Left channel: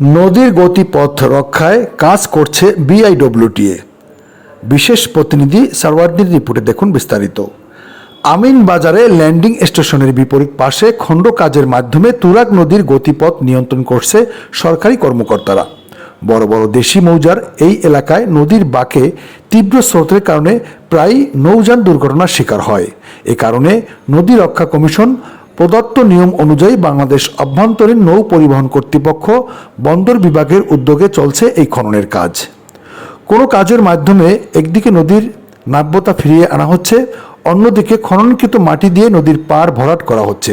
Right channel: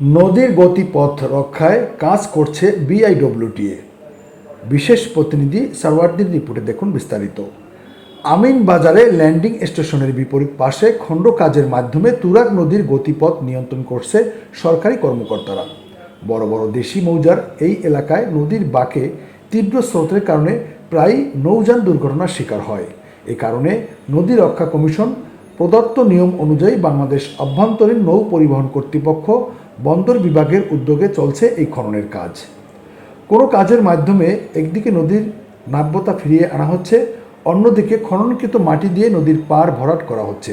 নদীর গতিপথ রক্ষায় কাজ করছে বিআইডব্লিউটিএ বিশেষ প্রতিনিধি সারওয়ার্দির রিপোর্টে দেখুন বিস্তারিত। আমিন বাজারে ল্যান্ডিং স্টেশনের বিপরীত পাশে খণ্ড কাজের মাধ্যমে তুরাগ নদীর গতিপথ নিয়ন্ত্রণ করছে সরকারি কর্মকর্তারা। বড় বড় দেশি মৌজার এই এলাকায় নদীর বাঁকে তীব্র স্রোতের কারণে প্রায় নৌযান দুর্ঘটনার শিকার হয়। এ কারণে নদী রক্ষা কমিশন প্রদত্ত নিয়ম অনুযায়ী বাংলাদেশ অভ্যন্তরীণ নৌ পরিবহন কর্তৃপক্ষ বন্দর বিভাগের উদ্যোগে চলছে এই খননের কাজ। কোনো কাজের মাধ্যমে একদিকে নদীর নাব্যতা ফিরিয়ে আনা হচ্ছে, অন্যদিকে খননকৃত মাটি দিয়ে নদীর পার ভরাট করা হচ্ছে।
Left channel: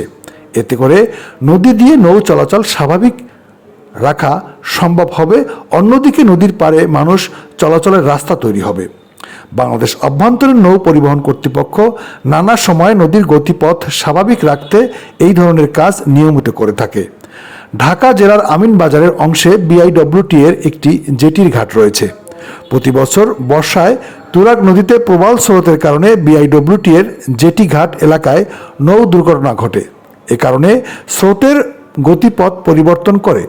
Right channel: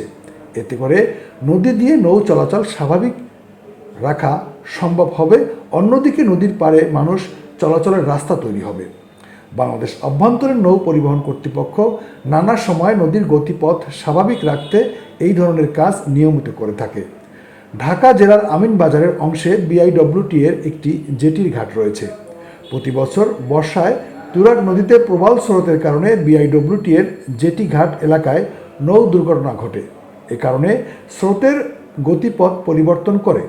এতে করে নদী দিয়ে নৌ চলাচল স্বাভাবিক রাখা সম্ভব হবে, অন্যদিকে নদীর পাড়ে মানুষ চলাচলের রাস্তা তৈরি হবে। বাংলাদেশ অভ্যন্তরীণ নৌ পরিবহন কর্তৃপক্ষ নানা সময় নদীর গতিপথ স্বাভাবিক রাখতে এই ধরনের কাজ নিয়মিত করে থাকে। ঢাকা জেলার আমিন বাজারের অংশে বিআইডব্লিউটি এর একটি জেটির ঘাট রয়েছে। প্রতি বছর বর্ষায় তুরাগ নদীতে প্রবল স্রোতের কারণে বিআইডব্লিউটি এর জেটি ঘাট এলাকায় নৌ দুর্ঘটনা ঘটে। এ কারণে স্রোতের গতিপথ পরিবর্তন করে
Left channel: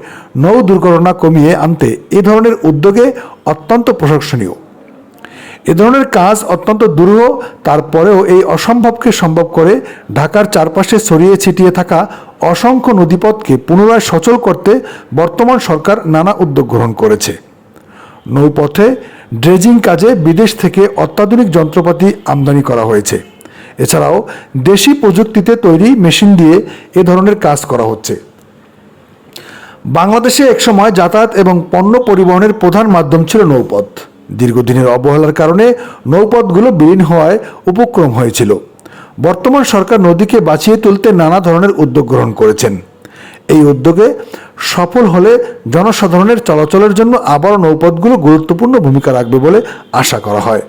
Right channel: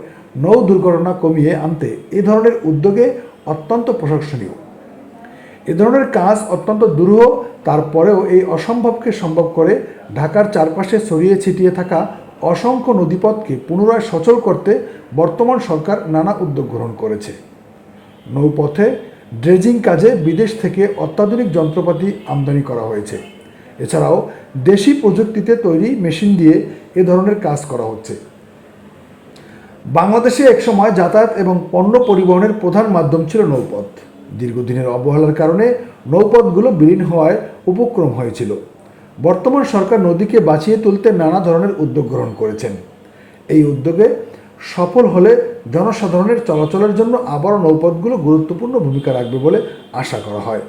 নৌ দুর্ঘটনা কমিয়ে আনতে এ ধরনের উদ্যোগে অত্যন্ত প্রশংসনীয়। এ ধরনের কাজ অত্যন্ত দুরূহ, তারপরেও এই অসম্ভবকে সম্ভব করে ঢাকার চারপাশে ছড়িয়ে ছিটিয়ে থাকা অসংখ্য নদীপথকে পুনরায় সচল করতে বর্তমান সরকার নানা উদ্যোগ গ্রহণ করেছে। নৌপথে ড্রেজিং কাজে বিদেশ থেকে অত্যাধুনিক যন্ত্রপাতি আমদানি করা হয়েছে। এছাড়াও দেশি প্রযুক্তিতে তৈরি মেশিন দিয়ে এ ধরনের কাজ করা হচ্ছে। বাংলাদেশে একসময় যাতায়াত এবং পণ্য পরিবহনের প্রধান মাধ্যম ছিল নৌপথ। দীর্ঘদিনের অবহেলার কারণে নৌপথগুলো বিলীন হওয়ায় উপক্রম হয়েছিল। বর্তমান সরকার নদীকে বাঁচিয়ে তুলতে নানা ধরনের উদ্যোগ গ্রহণ করেছেন। এই উদ্যোগে সফল হলে জনসাধারণের চলাচলের জন্য আবার নৌপথগুলো গুরুত্বপূর্ণ ভূমিকা রাখবে বলে আশা করা হয়।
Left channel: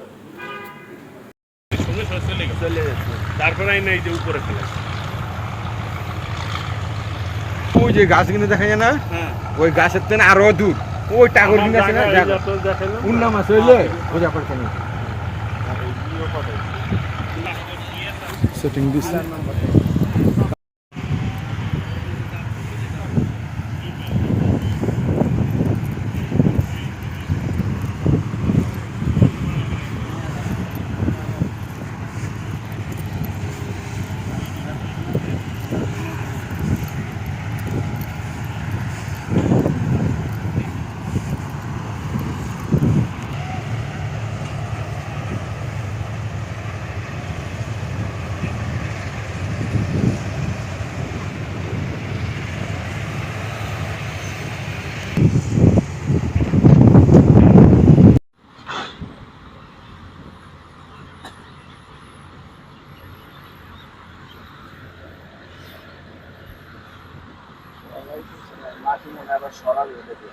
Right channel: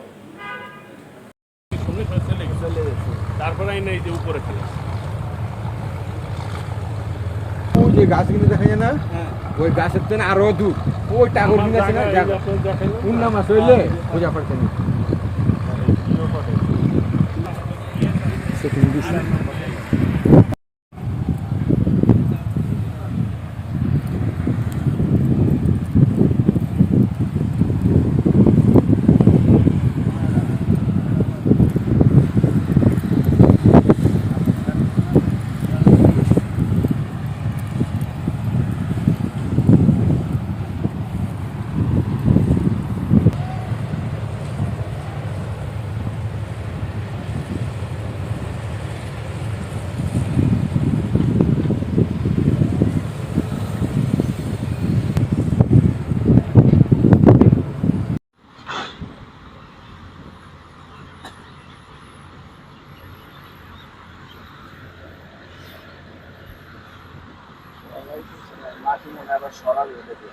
ওই যে গাছ কিনে দেখা যায় না ওই গাছের থেকে আরও দূর। ওই টাগর কিনে আছে না দেখ পূর্ণ মাছ হইলে বোঝা পড়ছে না সেটিং দিছে। মাটি মনে আবার সরাবে ওটাকে